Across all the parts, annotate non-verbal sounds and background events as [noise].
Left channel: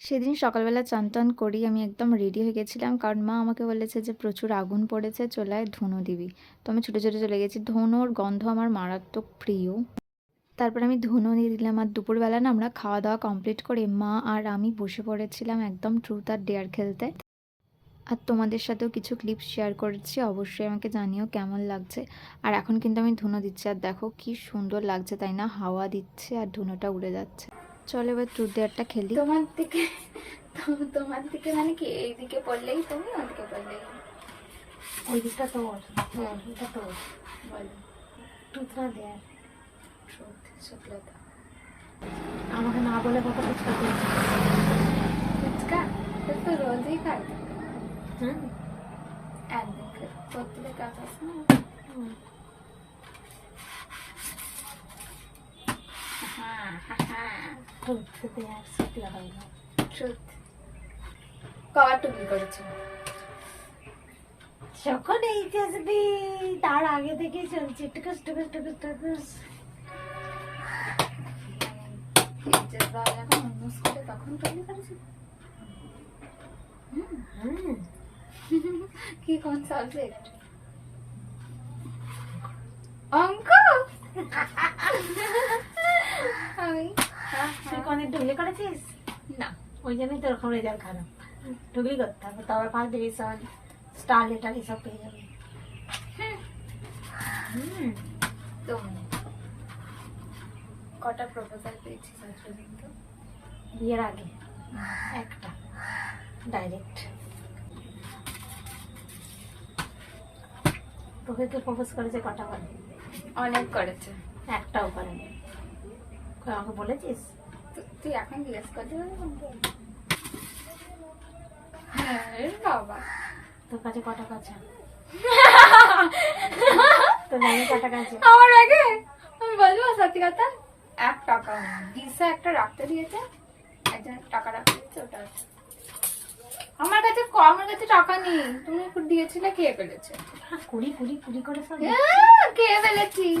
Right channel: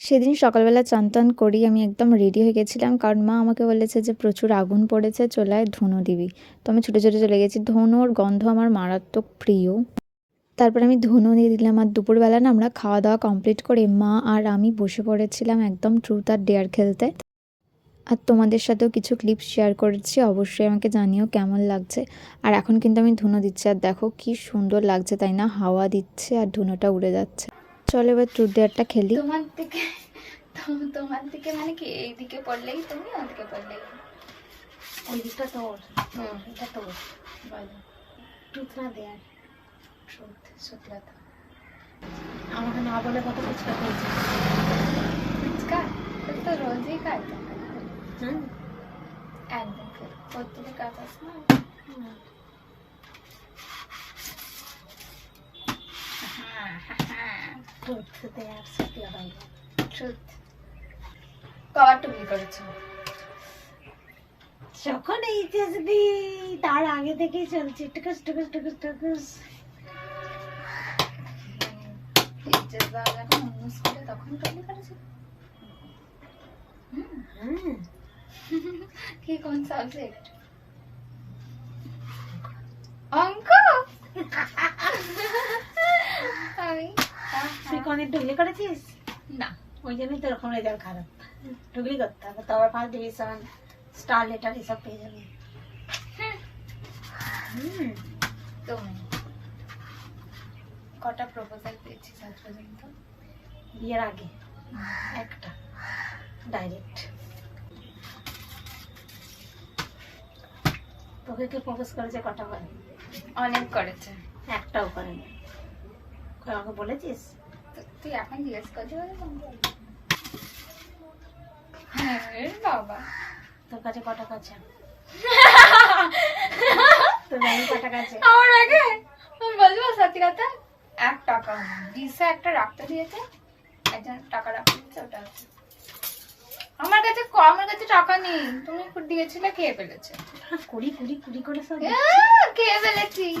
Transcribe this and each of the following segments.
সেদিন সকালবেলা চান টান করি আমি একদম রেডি হয়ে গেছিলাম। কারণ মা আমাকে বলেছে যে, প্রচুর আগুন পড়েছে, চলে আয়, ধুনো দিবি। তো আমি ছুটে ছুটে চলে গেছি। ধুনোর গন্ধ আমার মারাত্মক প্রিয়। তারপর আমি ধুনো দিয়ে দিলাম। আর দুপুরবেলা না আমরা খাওয়া দাওয়া কমপ্লিট করে মা আর আমি বসে পড়েছিলাম একদম ট্রুথ আর ডেয়ার খেলতে। আর তোমাদের সাথেও কিছু ক্লিপ শেয়ার করেছি। অবশ্যই আমাকে জানিও কেমন লাগছে। আর এখন কিন্তু আমি ধুনো দিচ্ছি। আর দেখো কি সুন্দর লাগছে, তাই না? হাওয়া দিচ্ছে আর ধুনোটা উড়ে যাচ্ছে। চলো এবার ডেয়ারটা খেলি। তোমার দিকে তো- তোমার দিকে মানে কি? এই দিকে পড়লেই তুমি ওদিকে পড়লেই। ওই দিকটা তোর হুম। এটা তোর বলো। দেয়ার ট্রুথ আমাকে না বলে কত ফুচকা করেছে ফুচকা? তো রোজই খাই হুম। একদিন করে প্রত্যেকের কাছে না হ্যাঁ টুথ দেয়ার সত্যি হয় না ট্রুথ কবার টুকলি করেছিল। যখন এইচএসবি তার আগে থেকেই চলছে টুকুস টুকুস টুকুস টুকুস। টিচার দেওয়া যখন অন্য স্কুলে তখন টুকলি করেছিল কি কোন সাবজেক্ট অঙ্ক। [laughs] আমি তুই। কোনদিন করেছিস? না ওই জন্যই তোর ওরকম রেজাল্ট খারাপ। করতে হবে তবে ফার্স্ট ডিভিশন স্টার লেটার এসব পেয়ে যাবে। হুম। কটা প্রপোজাল পেয়েছিস আজ পর্যন্ত? বিয়ের আগে? একটা। ডাইরেক্ট তোকে কে প্রপোজ করেছে কটা বলে? অনেক করেছে। একটাও করেনি। আমাকে বলেছিস? তুই এখন জিজ্ঞেস করছি বলে ফোন করলি? হ্যাঁ বাবা। তোর কাছে কটা কাছে? [laughs] তোর নানি কটা কাছে? আমার আগে? আমি বলব সত্যি কথা এক টাকা। দিশা একটা রাখতে দিয়েছে একজন টাকা রাখতে দিয়েছে ওটা আছে। আমার কাছে আমার কাছে টাকা নেই। তুমি দিয়েছিলে খেয়ে ফেলেছে? হ্যাঁ, কুড়ি কুড়ি কুড়ি করে সব আহ, খেয়ে ফেলেছি?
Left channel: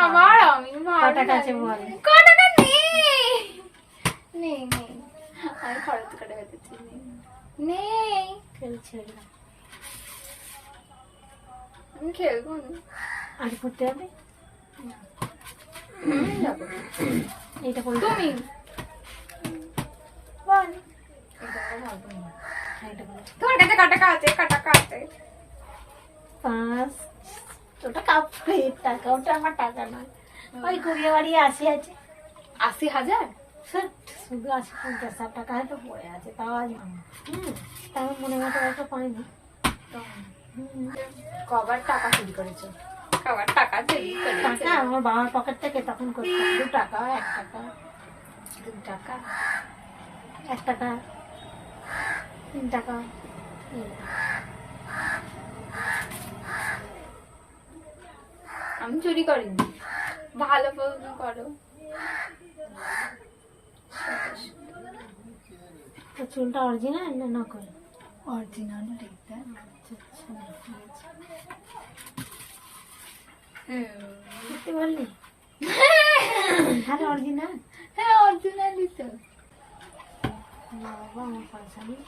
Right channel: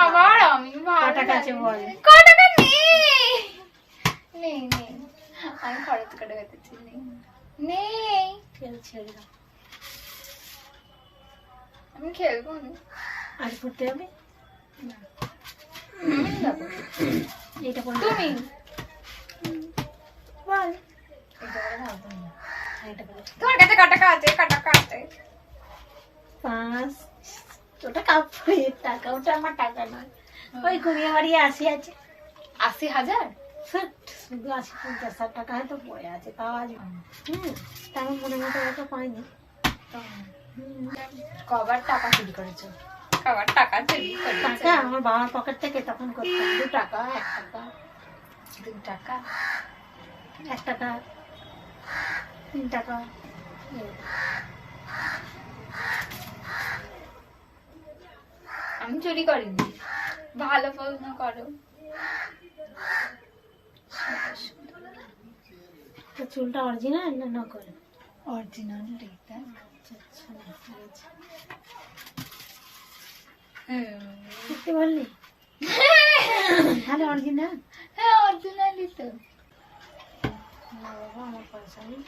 আবার আমি ভালো ক টাকা আছে লাগে। বল? ক টাকা নেই নেই নেই আমি খরচ করে ফেলেছি নেই নেই খেলছে। আমি খেলব না না। আমি যাব। এইটা করে তুমি বল এটা করে ভাববো না। হ্যাঁ, এটা বলে তোমার কাছে ক টাকা আছে ক টাকা আছে পাঁচ ওটা কাপড়ে টাকা ওটা আমার টাকা নয়। ওই কুড়িয়ে বাড়িয়ে আসি আছে। আশি হাজার? শুধু আশি পঞ্চাশ ষাট টাকা হয়তো পড়ে আছে তাও আজ হুম তেমন মনে মতো হয়তো পাইনি। কবার টাকা চুরি করেছ? কবার টাকা চুরি টাকা আমার বাবার পকেট থেকে তখন করতাম। দু টাকা এক টাকা দু টাকা। এক টাকা তিন টাকা আমি চুরি করিনি ভালো প্রশ্ন করো। চুলটা অরিজিনাল না নকল অরিজিনাল দেখতে। সত্যি বললি তাহলে অরিজিনাল হ্যাঁ অরিজিনালই তো। না বাবা আমার পয়সা নেই।